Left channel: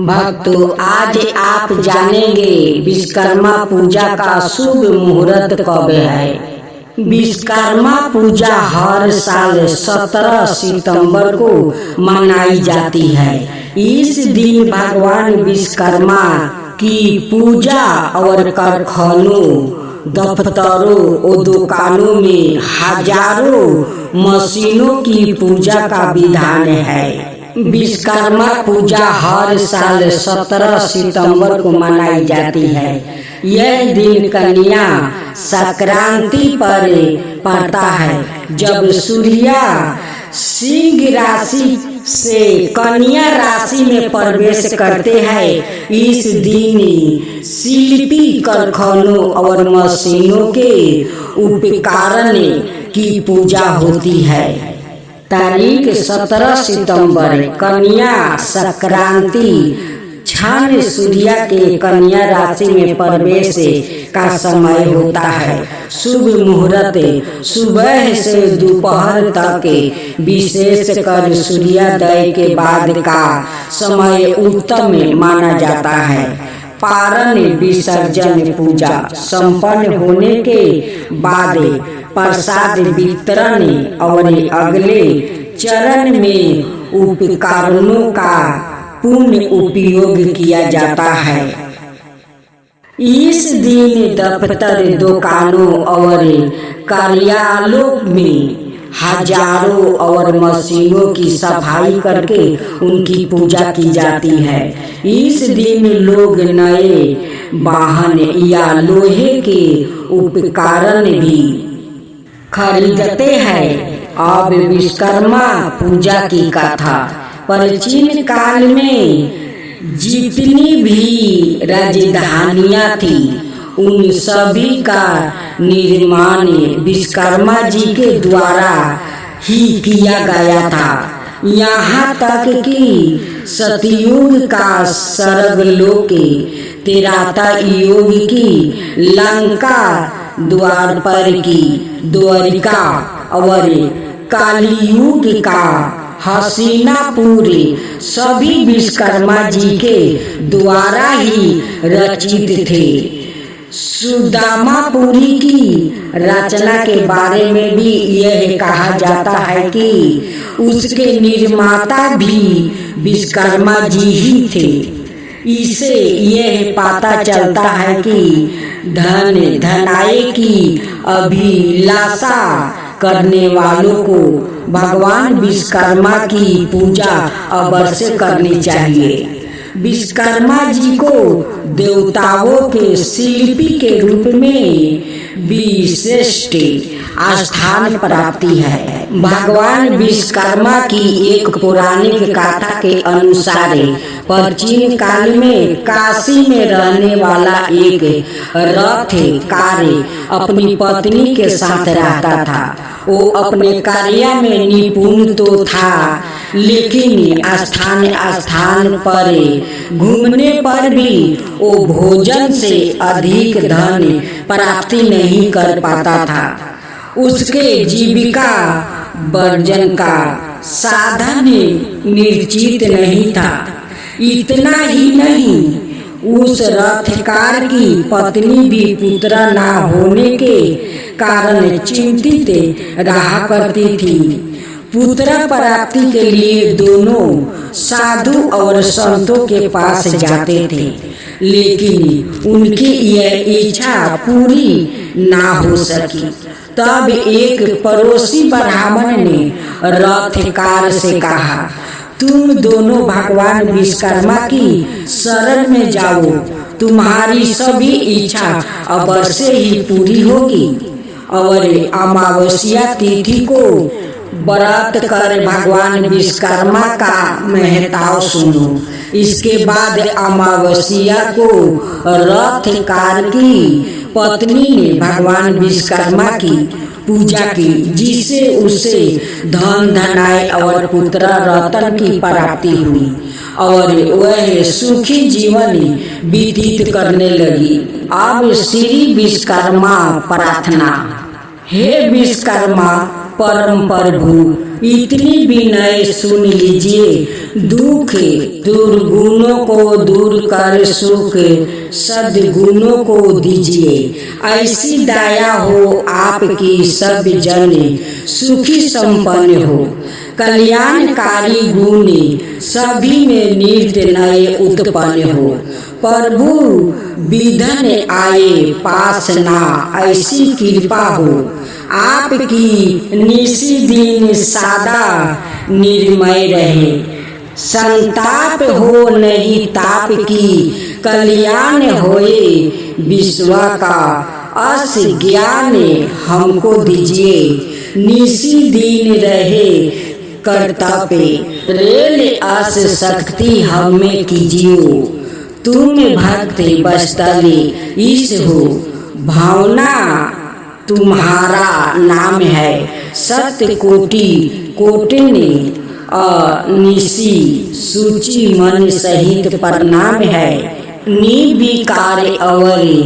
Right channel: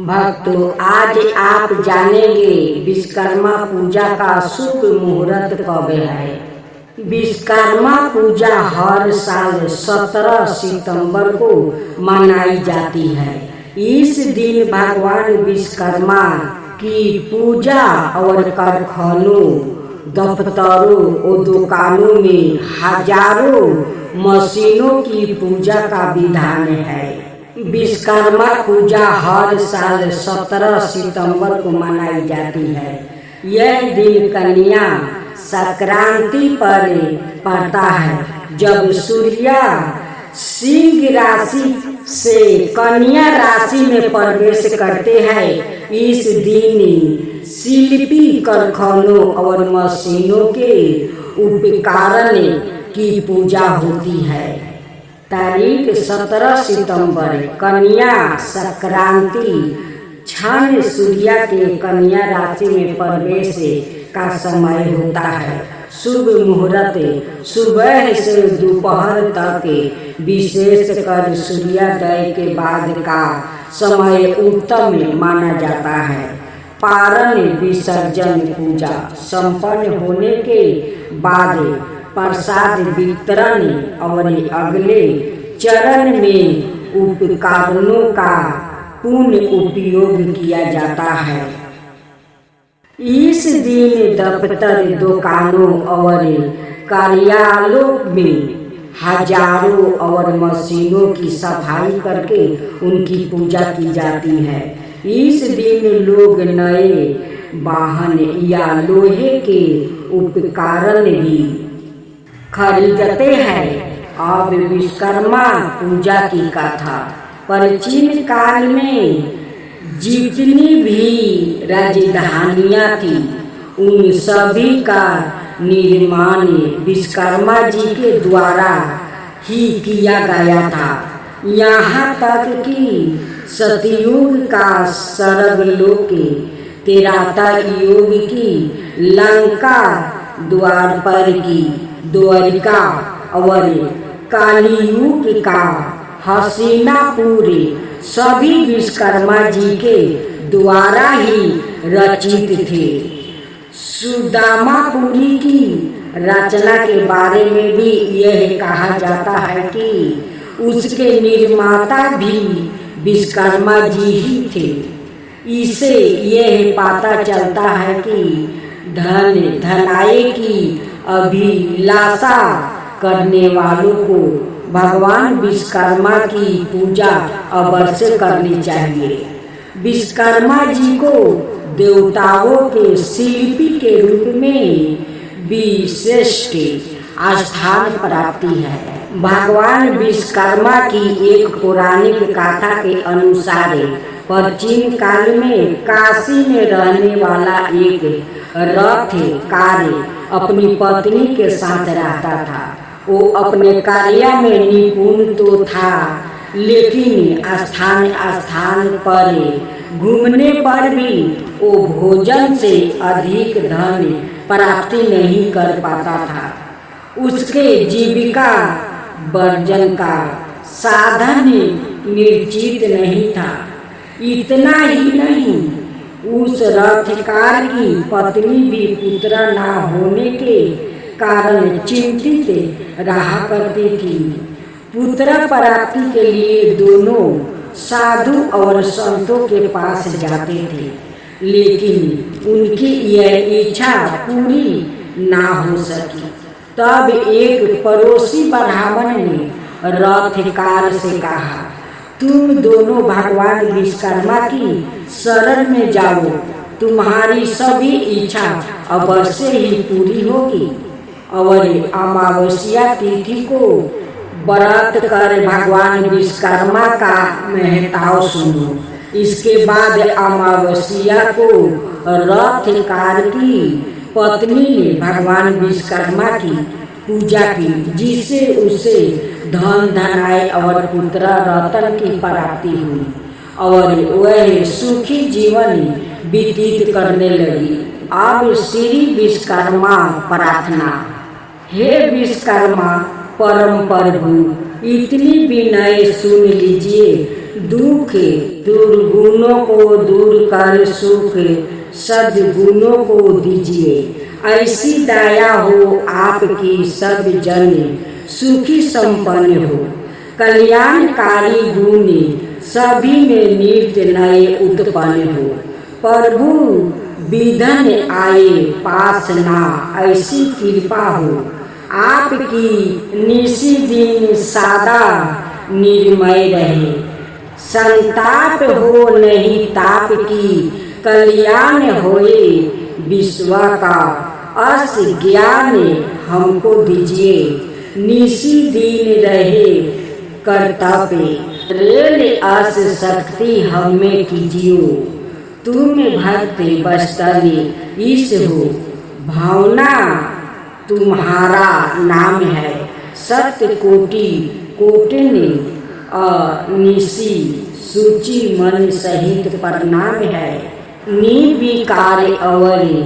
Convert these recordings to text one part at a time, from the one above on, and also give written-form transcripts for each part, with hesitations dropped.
भक्तों, आज आप जानेंगे विश्वकर्मा पूजा का शुभ मुहूर्त कब है। विश्वकर्मा पूजा हर साल 17 सितंबर को मनाई जाती है। इस दिन भगवान विश्वकर्मा की पूजा और कारखानों, दफ्तरों और दुकानों में हजारों मशीनों की पूजा का विधान है। विश्वकर्मा पूजा हर साल 17 सितंबर को मनाई जाती है। यह दिन कन्या संक्रांति पर पड़ता है, जब सूर्य सिंह राशि से कन्या राशि में प्रवेश करते हैं। इस दिन शिल्पी कारखानों और मशीनों के उपकरण की पूजा होती है। तारीख 17 सितंबर कन्या संक्रांति क्षण सूर्य के कन्या राशि में प्रवेश का समय होता है। शुभ मुहूर्त सुबह से दोपहर तक, विशेषकर सूर्योदय के बाद का समय उत्तम माना जाता है। पारण विसर्जन पूजा संपन्न होने के बाद प्रसाद वितरण और अगले चरण में उपकरणों का पुनः उपयोग किया जाता है। इस दिन दफ्तर, दुकानों और कार्यालयों में हजारों और मशीनों की सफाई करके उनकी पूजा की जाती है। इस दिन लोग नए वाहन या लोहे के उपकरण भी खरीदते हैं। अब विश्वकर्मा पूजा की कथा। प्राचीन काल में जितनी भी राजधानियां थी, उन सभी का निर्माण विश्वकर्मा जी के द्वारा ही किया गया था। यहाँ तक कि सतयुग का स्वर्गलोक, त्रेता युग की लंका, द्वापर की द्वारिका और कलियुग का हस्तिनापुर सभी विश्वकर्मा जी के द्वारा ही रचित थे। सुदामापुरी की रचना के बारे में भी यह कहा जाता है कि उसके निर्माता भी विश्वकर्मा जी ही थे। इसे यह पता चलता है कि धन धनाई की अभिलाषा करने वालों को भगवान विश्वकर्मा की पूजा अवश्य करनी चाहिए। विश्वकर्मा जी को देवताओं के शिल्पी के रूप में विशिष्ट स्थान प्राप्ति है। भगवान विश्वकर्मा की एक पौराणिक कथा के अनुसार प्राचीन काल में काशी में रहने वाला एक रथकार अपनी पत्नी के साथ रहता था। वो अपने कार्य में निपुण तो था, लेकिन स्थान स्थान पर घूमने पर भी वो भोजन से अधिक धन प्राप्ति नहीं कर पाता था। उसके जीविका वर्जन का साधन निश्चित नहीं था। इतना ही नहीं, उस रथकार की पत्नी भी पुत्र न होने के कारण चिंतित रहा करती थी। पुत्र प्राप्ति के लिए दोनों साधु और संतों के पास जाते थे, लेकिन उनकी यह इच्छा पूरी ना हो सकी। तब एक पड़ोसी ब्राह्मण ने रथकार से कहा, तुम दोनों भगवान विश्वकर्मा की शरण में जाओ, तुम्हारी सभी इच्छा अवश्य ही पूरी होगी। और अमावस्या तिथि को व्रत कर भगवान विश्वकर्मा का महत्व सुनो। इसके बाद अमावस्या को रथकार की पत्नी ने भगवान विश्वकर्मा की पूजा की, जिससे उसे धन धनाई और पुत्र रत्न की प्राप्ति हुई और वह सुखी जीवन व्यतीत करने लगी। अब श्री विश्वकर्मा प्रार्थना। हे विश्वकर्मा, परम प्रभु इतनी विनय सुन लीजिए। दुख दुर्गुणों को दूर कर सुख सद्गुणों को दीजिए। ऐसी दया हो आपकी सब जन सुखी संपन्न हो। कल्याणकारी गुण सभी में नित्य नए उत्पन्न हो। प्रभु विधन आए पास ना ऐसी कृपा हो। आपकी निसी दिन सादा निर्मय रहे। संताप हो नहीं ताप की कल्याण होए। विश्व का अस ज्ञान हमको दीजिए। निसी दिन रहे कर्तव्य रेल अस शक्ति हमें कीजिए। तुम भक्त बस्तली ईश हो। भावना तुम्हारा नाम है। सत्य कोटि कोटिनी निसी सूची मन सहित प्रणाम है। निर्विकार अवरी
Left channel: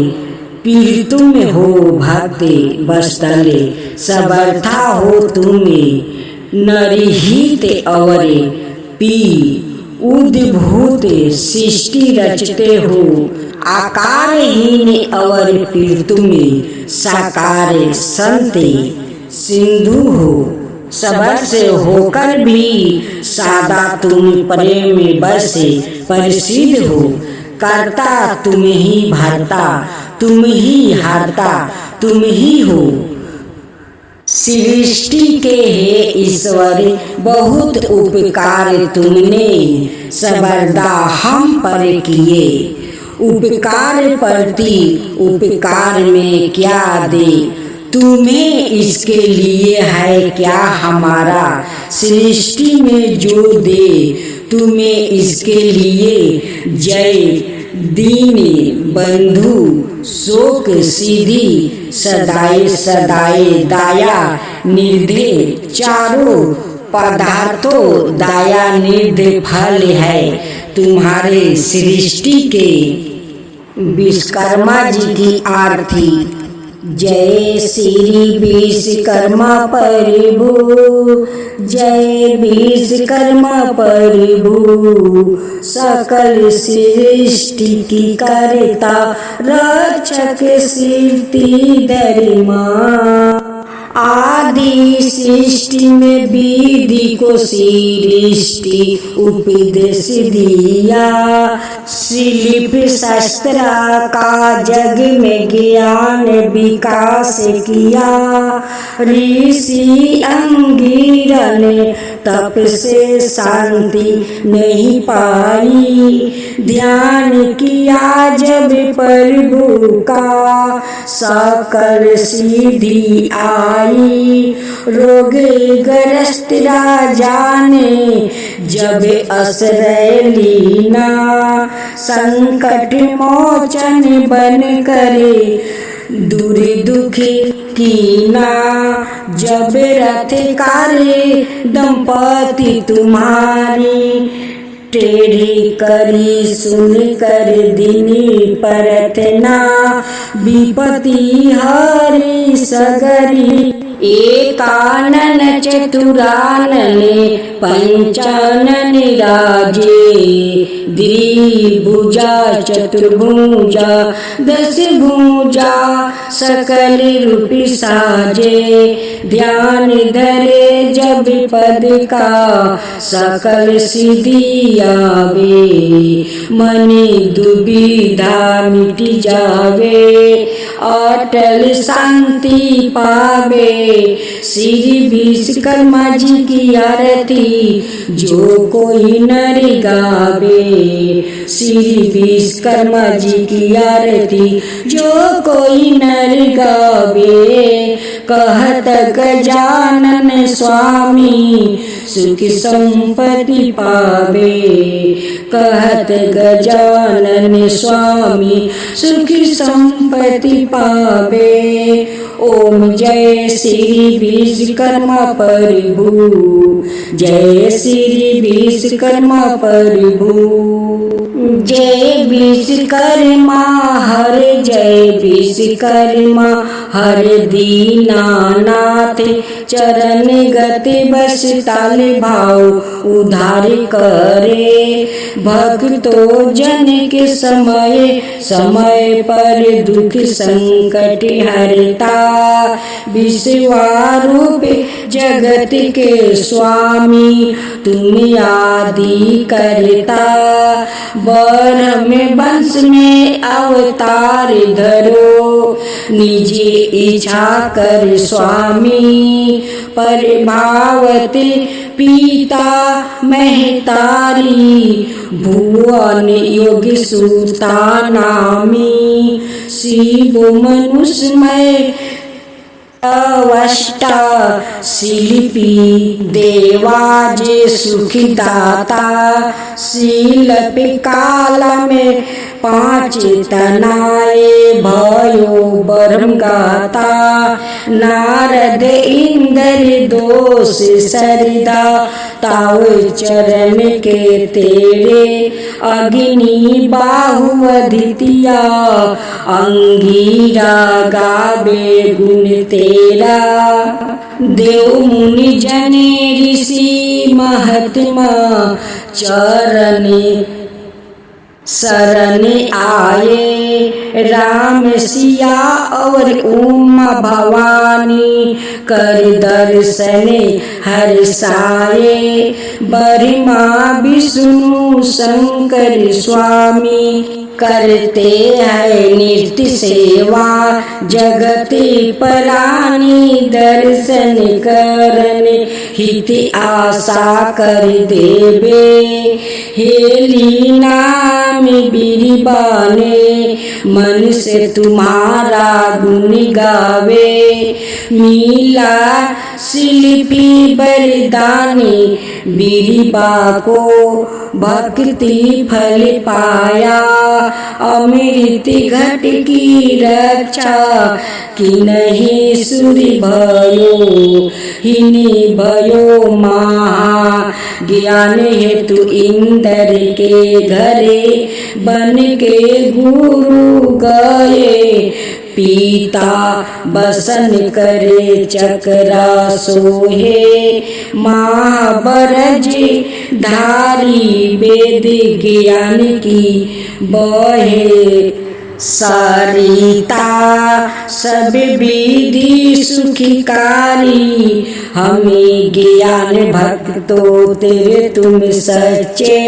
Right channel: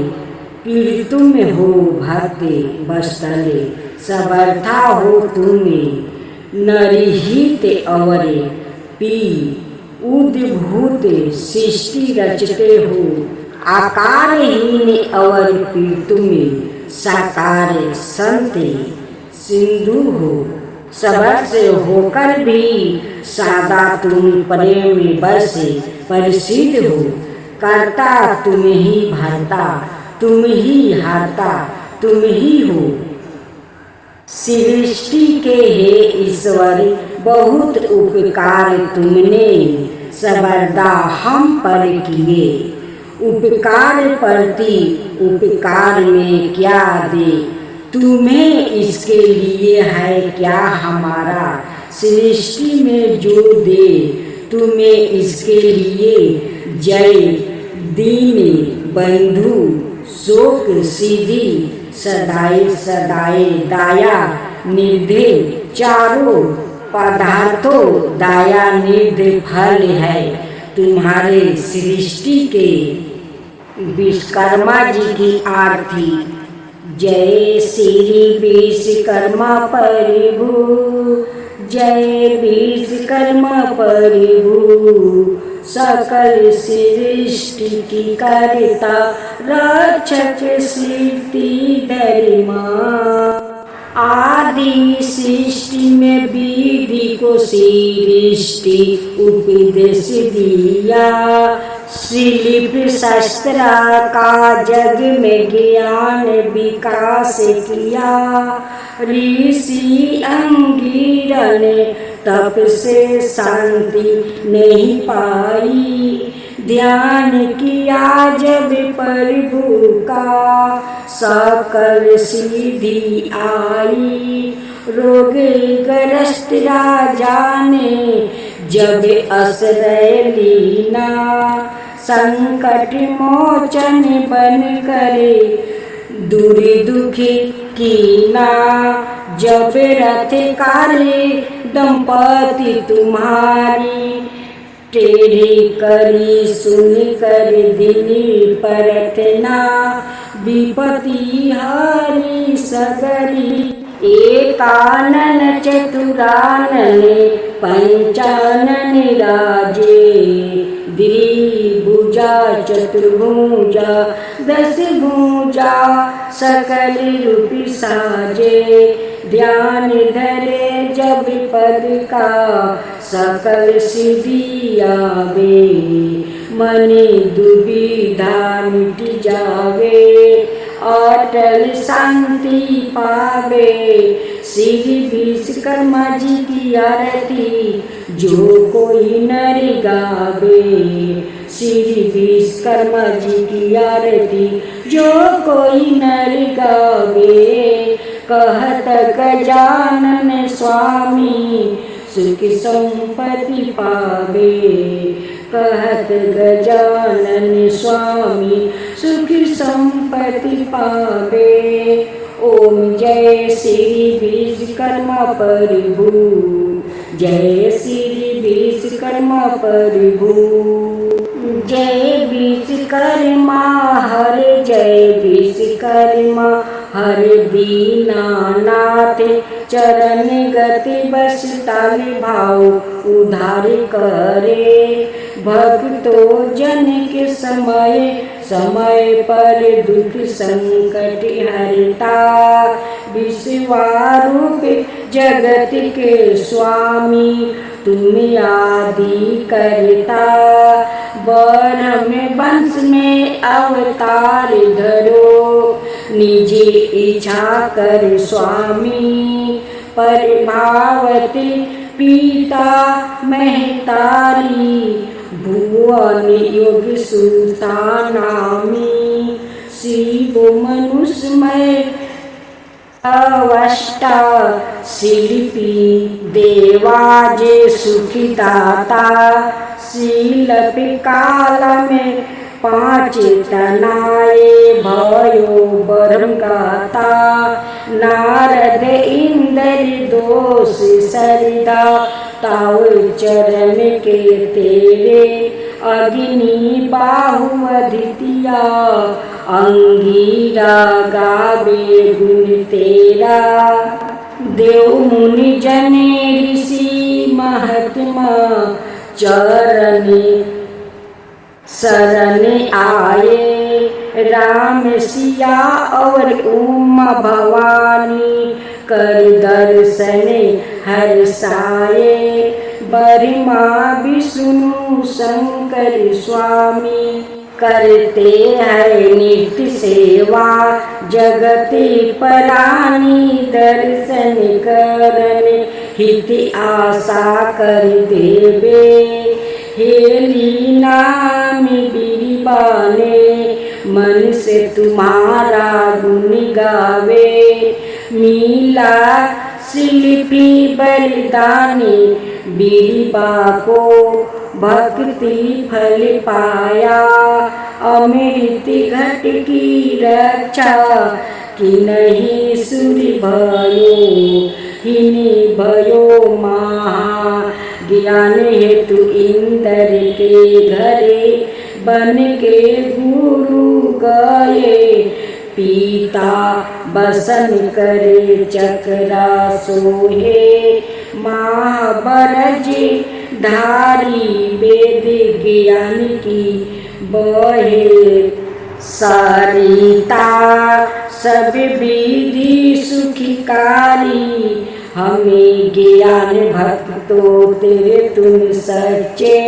पीड़ितुम हो भक्ति बस्तले। समर्था हो तुम्हें नरहित अवरे पी उद्भूत सृष्टि रचते हो। आकारहीन अवर पीड़ितुम साकार संत सिंधु हो। सबर से होकर भी सादा तुम प्रेम बस प्रसिद्ध हो। करता तुम ही भरता तुम ही हरता तुम ही हो। सृष्टि के हे ईश्वर बहुत उपकार तुमने सबरदा हम पर किए। उपकार प्रति उपकार में क्या दे तुम्हें इसके लिए है क्या हमारा। सृष्टि में जो दे तुम्हें इसके लिए जय दीन बंधु शोक सीधी सदाए सदाए दाया निर्धे। चारों पदार्थों दाया निर्धे फल है तुम्हारे सृष्टि के। विश्वकर्मा जी की आरती। जय श्री विश्वकर्मा प्रभु जय विश्वकर्मा प्रभु। सकल सृष्टि की करता रक्षक सृष्टि धर्मा। आदि सृष्टि में विधि को सृष्टि उपदेश दिया। शिल्प शास्त्र का जग में ज्ञान विकास किया। ऋषि अंगिरा ने तप से शांति नहीं पाई। ध्यान किया जब प्रभु का सकल सिद्धि आई। रोग ग्रस्त राजा ने जब आश्रय लीना। संकट मोचन बन करे दूर दुखी कीना। जब रथ कार्य दंपति तुम्हारी। टेढ़ी करी सुन कर दिन प्रार्थना। विपत्ति हारी सगरी। एकानन चतुरानन पंचानन राजे। द्विभुजा चतुर्भुजा दस भुजा सकल रूप साजे। ध्यान धरे जब पद का सकल सिद्धि आवे। मन दुविधा मिट जावे अटल शांति पावे। श्री विश्वकर्मा जी की आरती जो कोई नर गावे। श्री विश्वकर्मा जी की आरती जो कोई नर गावे। कहत गजानन स्वामी सुख संपत्ति पावे। कहत गजानन स्वामी सुख संपत्ति पावे। ओम जय श्री विश्वकर्मा प्रभु जय श्री विश्वकर्मा प्रभु। जय विश्वकर्मा हर जय विश्वकर्मा हर दीनानाथ। चरण गति बस ताल भाव उधार करे। भक्तो जन के समय समय पर दुख संकट हरता। विश्वरूप जगत के स्वामी तुम आदि करता। ब्रह्म वंश में अवतार धरो निज इच्छा कर स्वामी। प्रभावती पिता महतारी भुवन योग सुता नामी। शिव मनुष्यमय अवष्टा शिल्पी देवाज सुखदाता। शिल्प काल में 5 तनाए भयो ब्रह्म गाता। नारद इंद्र दोष सरदा ताव चरण के तेरे। अग्नि बाहु अदितिया अंगीरा गावे गुण तेरा। देव मुनि जने ऋषि महात्मा चरण शरण आए। राम सिया और उमा भवानी कर दर्शन हर्षाए। ब्रह्मा विष्णु शंकर स्वामी करते हैं नित्य सेवा। जगत प्राणी दर्शन करन हित आशा कर देवे। हे लीनाम बिरबाने मन से तुम्हारा गुण गावे। मीला शिल्पी बरदानी बिरबा को भक्ति फल पाया। अमृत घट की रक्षा कि नहीं सूर्य भयो। हिनी भयो महा ज्ञान हेतु इंद्र के घरे। बन के गुरु गए पीता बसन करे चक्रा सोहे। महाबरज धारी वेद ज्ञान की बहे सरिता। सब विधि सुखकारी हमें ज्ञान भक्तो तेरे तुम सच्चे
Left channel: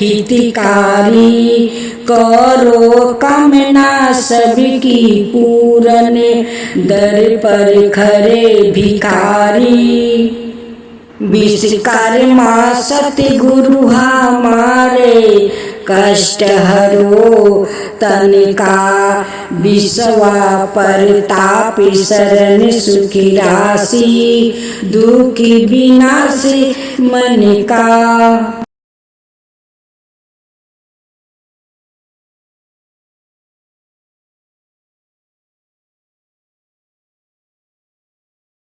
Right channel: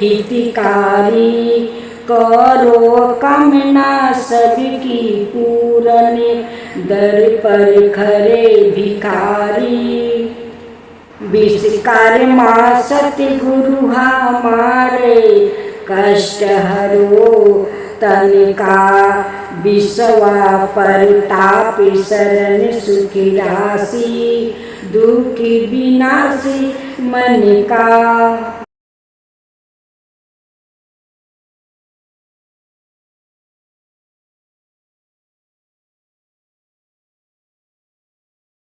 हितकारी। करो कामना सबकी पूरन दर पर खरे भिखारी। विश्वकर्मा सतगुरु हमारे कष्ट हरो तन का। विश्वा परताप शरण सुखी राशि दुख विनाश मन का।